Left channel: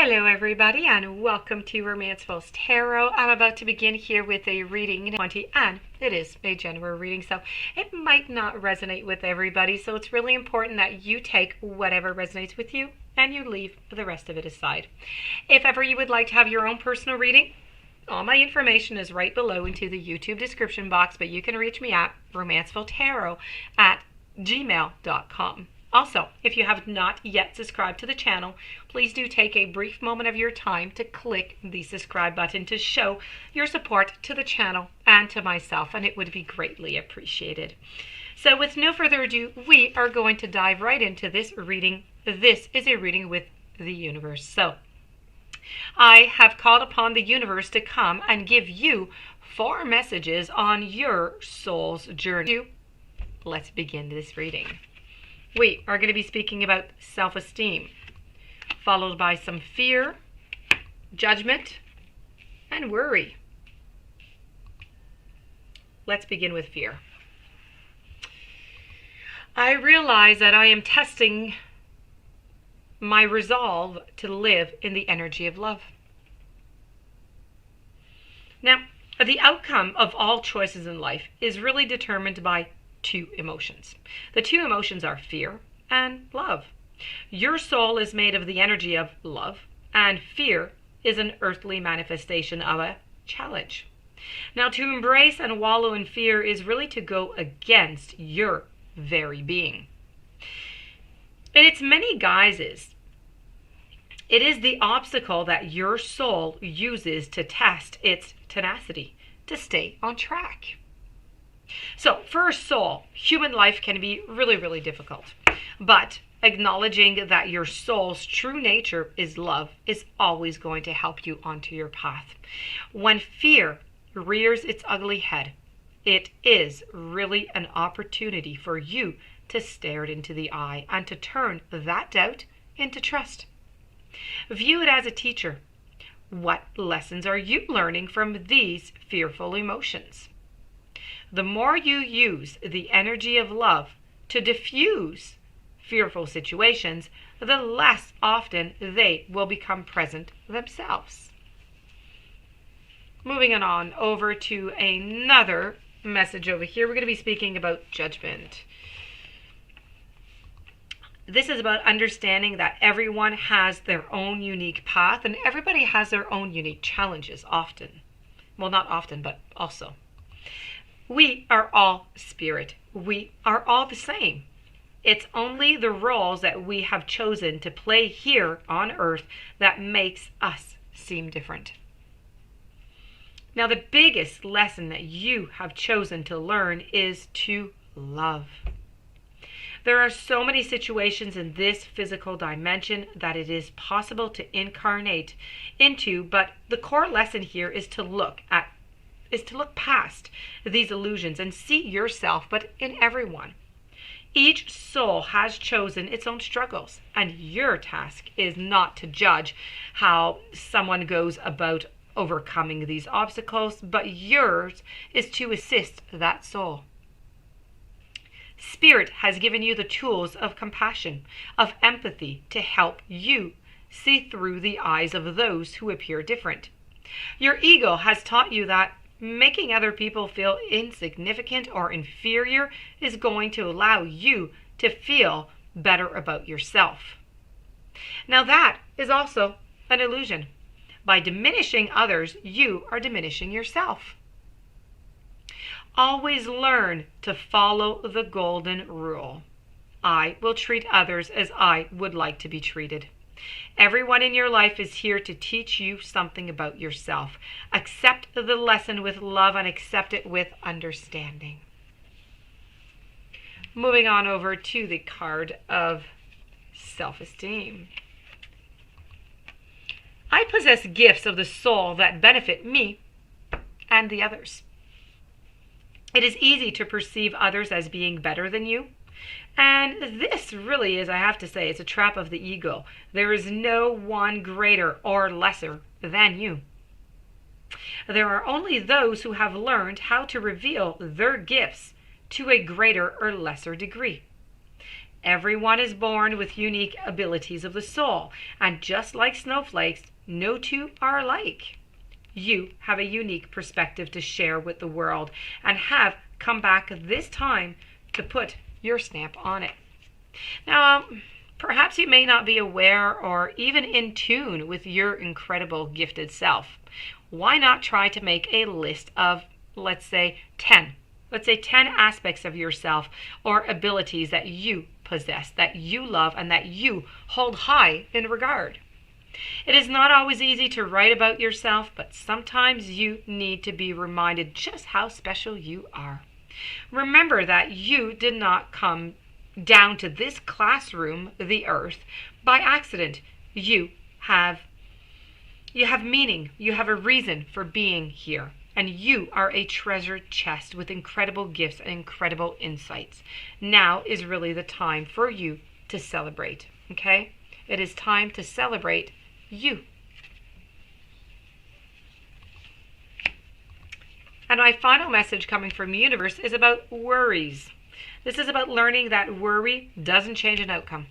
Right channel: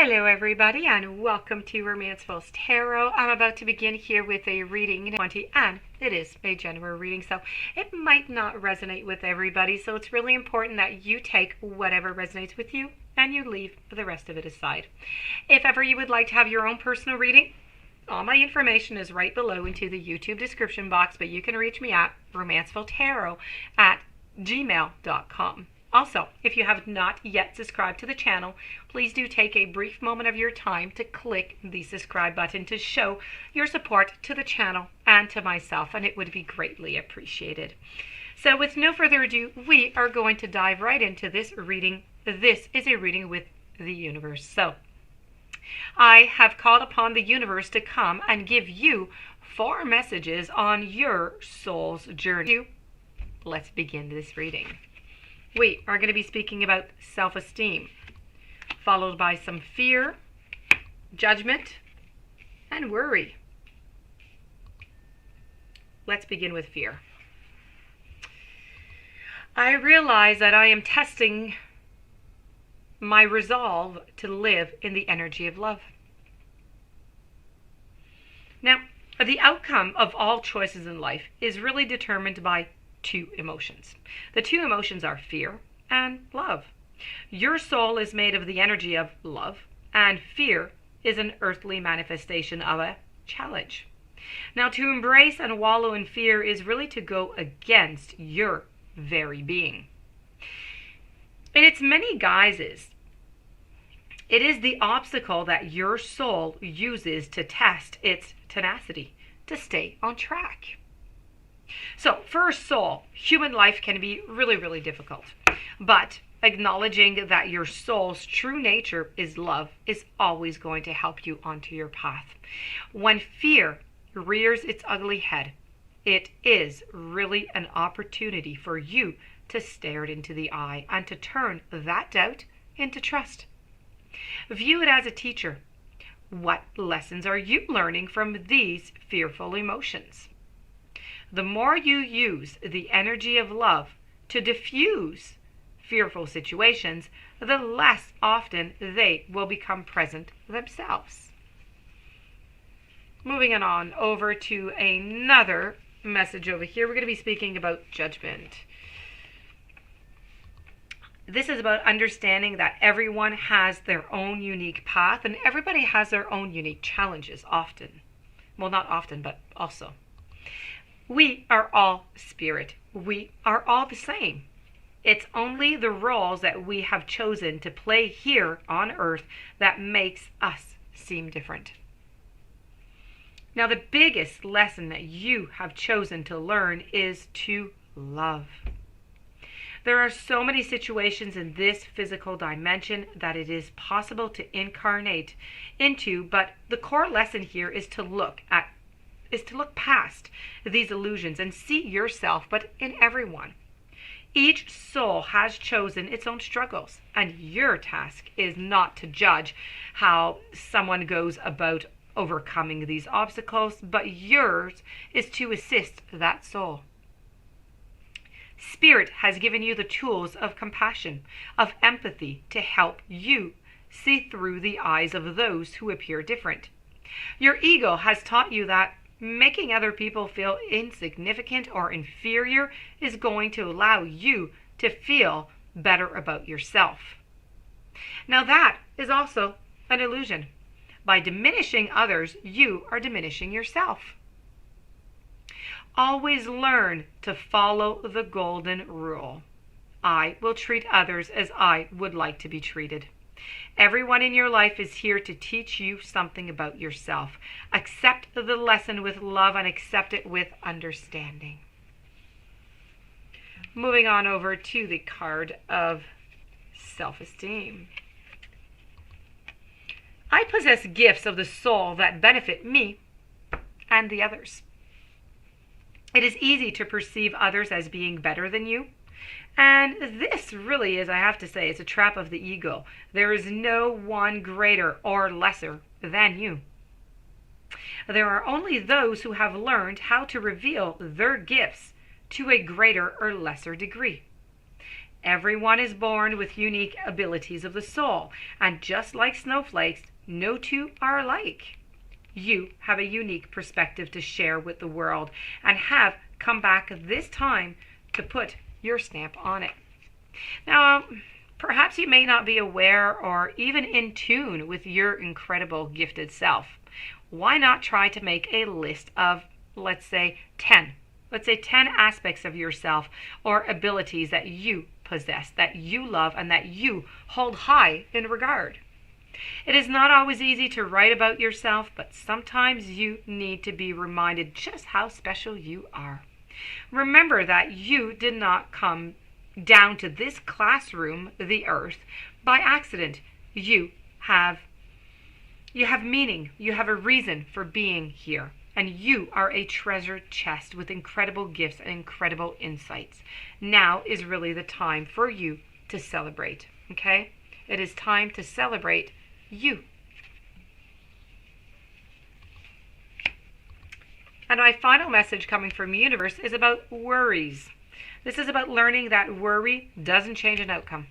Hello everybody and welcome to Romanceful's Tarot. I'm about to begin here with a reading 20 and it is a general reading, so it might not resonate with everybody, so it's really important that you take whatever resonates with you and you leave the rest of it aside. If ever you would like to have your own personal reading, all my information is right below into the YouTube description box, but you can reach me at romancefultarot@gmail.com. Also, if you have not yet subscribed to the channel, please do take a brief moment of your time to click the subscribe button to show your support to the channel and to myself, and it would be greatly appreciated. So with no further ado, we are going to dive right into this reading. This is a reading with the universe. So I have called upon the universe to come and give you 4 messages on your soul's journey. Let's begin this reading. We are going to be speaking about self-esteem, followed by some fear, judgment, and worry. Let's begin with fear. I realize that I am testing my resolve to live in the energy of love. Now, the outcome of all choices in life is really determined by 2 emotions. The 2 emotions are fear and love. Your soul is made of the energy of love, and fear is an earthly manifestation of a challenge. Now, to embrace and wallow in fear is really to go against your very being. In its many guises, it is the obstacle that your soul uses to test its tenacity, to stay on track. So for a soul, human life can be really difficult. But acknowledging that your soul's true nature is love is always going to help you onto your path. When fear rears its ugly head, it is really an opportunity for you to stare it into the eye and to turn that doubt into trust. View it as a teacher. What lessons are you learning from these fearful emotions? The more you use the energy of love to diffuse fearful situations, the less often they will become present themselves. Moving on over to another message over here, we're going to be speaking about judgment. This is about understanding that everyone has their own unique path and everybody has their own unique challenges often. Well, not often, but also. We are all spirit. We are all the same. It's only the roles that we have chosen to play here on earth that makes us seem different. Now, the biggest lesson that you have chosen to learn is to love. There are so many situations in this physical dimension that it is possible to incarnate into, but the core lesson here is to look past these illusions and see yourself, but in everyone. Each soul has chosen its own struggles, and your task is not to judge how someone goes about overcoming these obstacles, but yours is to assist that soul. Spirit has given you the tools of compassion, of empathy, to help you see through the eyes of those who appear different. Your ego has taught you that making other people feel insignificant or inferior is going to allow you to feel better about yourself. Now that is also an illusion. By diminishing others, you are diminishing yourself. Always learn to follow the golden rule. I will treat others as I would like to be treated. Everyone in your life is here to teach you something about yourself. Accept the lesson with love and accept it with understanding. Moving on over to the card of self-esteem. I possess gifts of the soul that benefit me and the others. It is easy to perceive others as being better than you. And this really is, I have to say, it's a trap of the ego. There is no one greater or lesser than you. There are only those who have learned how to reveal their gifts to a greater or lesser degree. Everyone is born with unique abilities of the soul, and just like snowflakes, no two are alike. You have a unique perspective to share with the world and have come back this time to put your stamp on it. Now, perhaps you may not be aware or even in tune with your incredible gifted self. Why not try to make a list of, let's say 10 aspects of yourself or abilities that you possess, that you love, and that you hold high in regard. It is not always easy to write about yourself, but sometimes you need to be reminded just how special you are. Remember that you did not come down to this classroom, the earth, by accident. You have meaning. You have a reason for being here. And you are a treasure chest with incredible gifts and incredible insights. Now is really the time for you to celebrate, okay? It is time to celebrate you. And my final message coming from the universe is about worries. This is about learning that worry doesn't change an outcome.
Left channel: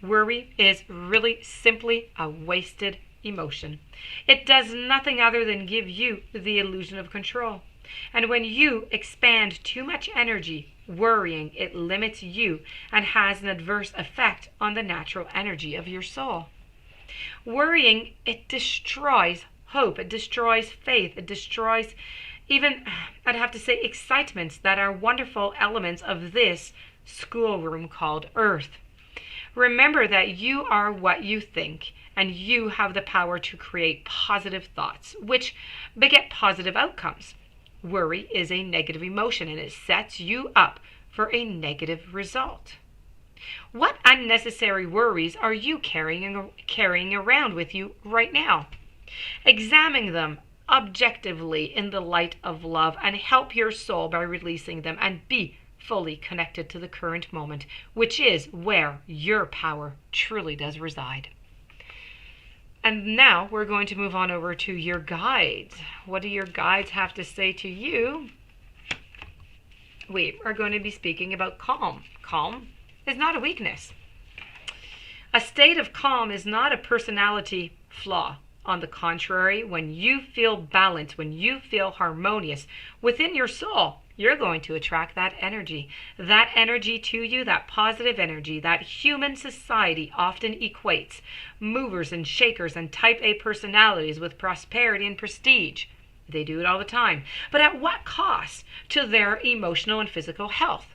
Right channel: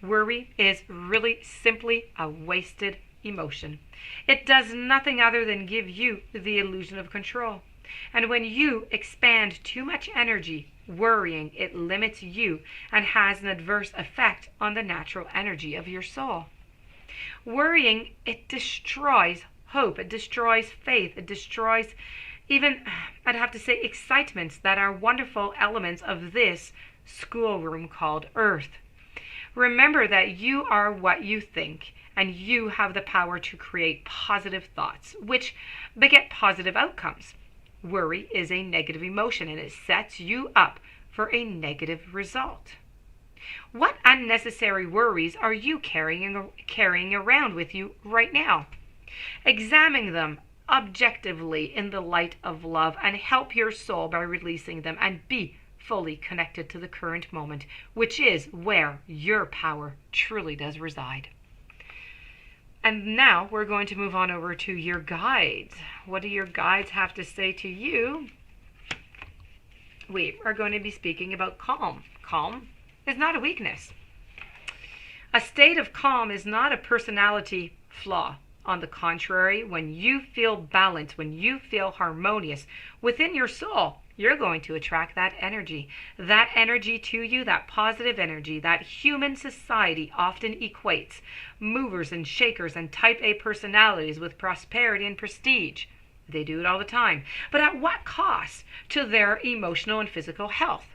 Worry is really simply a wasted emotion. It does nothing other than give you the illusion of control. And when you expand too much energy worrying, it limits you and has an adverse effect on the natural energy of your soul. Worrying, it destroys hope, it destroys faith, it destroys even, I'd have to say, excitements that are wonderful elements of this schoolroom called Earth. Remember that you are what you think, and you have the power to create positive thoughts, which beget positive outcomes. Worry is a negative emotion, and it sets you up for a negative result. What unnecessary worries are you carrying around with you right now? Examine them objectively in the light of love and help your soul by releasing them and be fully connected to the current moment, which is where your power truly does reside. And now we're going to move on over to your guides. What do your guides have to say to you? We are going to be speaking about calm. Calm is not a weakness. A state of calm is not a personality flaw. On the contrary, when you feel balanced, when you feel harmonious within your soul, you're going to attract that energy. That energy to you, that positive energy, that human society often equates movers and shakers and type A personalities with prosperity and prestige. They do it all the time. But at what cost to their emotional and physical health?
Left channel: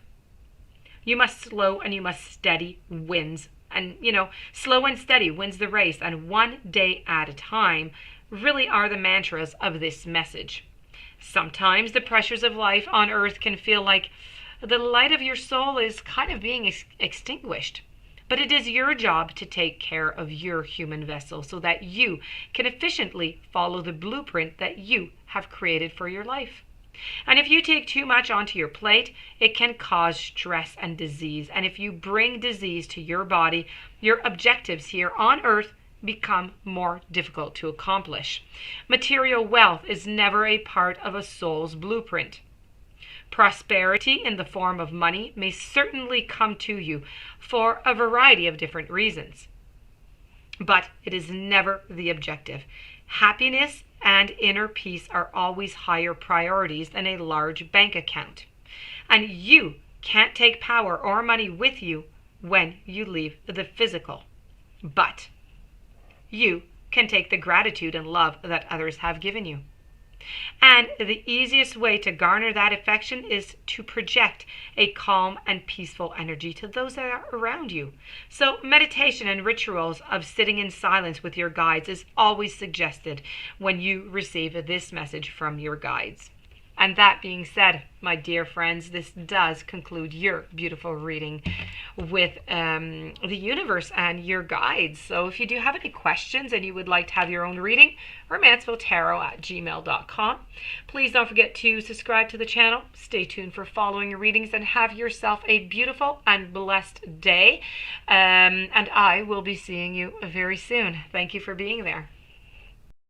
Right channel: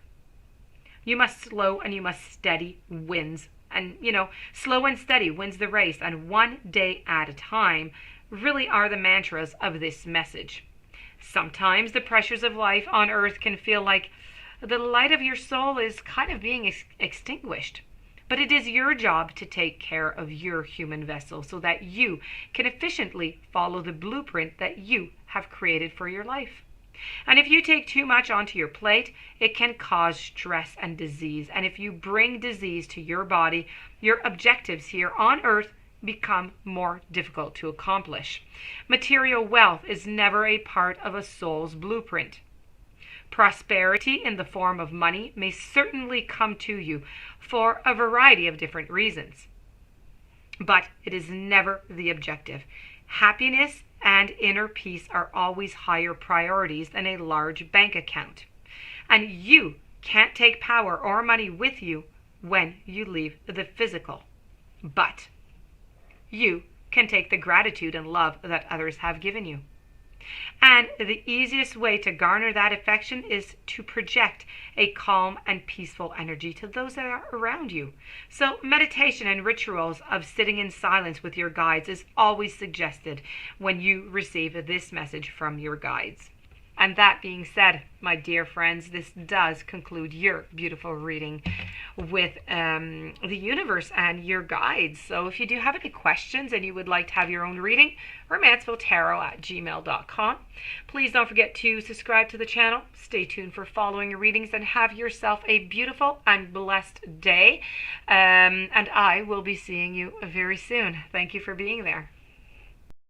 You must slow and you must steady wins. And, slow and steady wins the race, and one day at a time really are the mantras of this message. Sometimes the pressures of life on earth can feel like the light of your soul is kind of being extinguished. But it is your job to take care of your human vessel so that you can efficiently follow the blueprint that you have created for your life. And if you take too much onto your plate, it can cause stress and disease. And if you bring disease to your body, your objectives here on earth become more difficult to accomplish. Material wealth is never a part of a soul's blueprint. Prosperity in the form of money may certainly come to you for a variety of different reasons, but it is never the objective. Happiness and inner peace are always higher priorities than a large bank account. And you can't take power or money with you when you leave the physical. But you can take the gratitude and love that others have given you. And the easiest way to garner that affection is to project a calm and peaceful energy to those that are around you. So meditation and rituals of sitting in silence with your guides is always suggested when you receive this message from your guides. And that being said, my dear friends, this does conclude your beautiful reading with the universe and your guides. So if you do have any questions and you would like to have your own reading, romanceviltarot@gmail.com. Please don't forget to subscribe to the channel. Stay tuned for following readings and have yourself a beautiful and blessed day. And I will be seeing you very soon. Thank you for being there.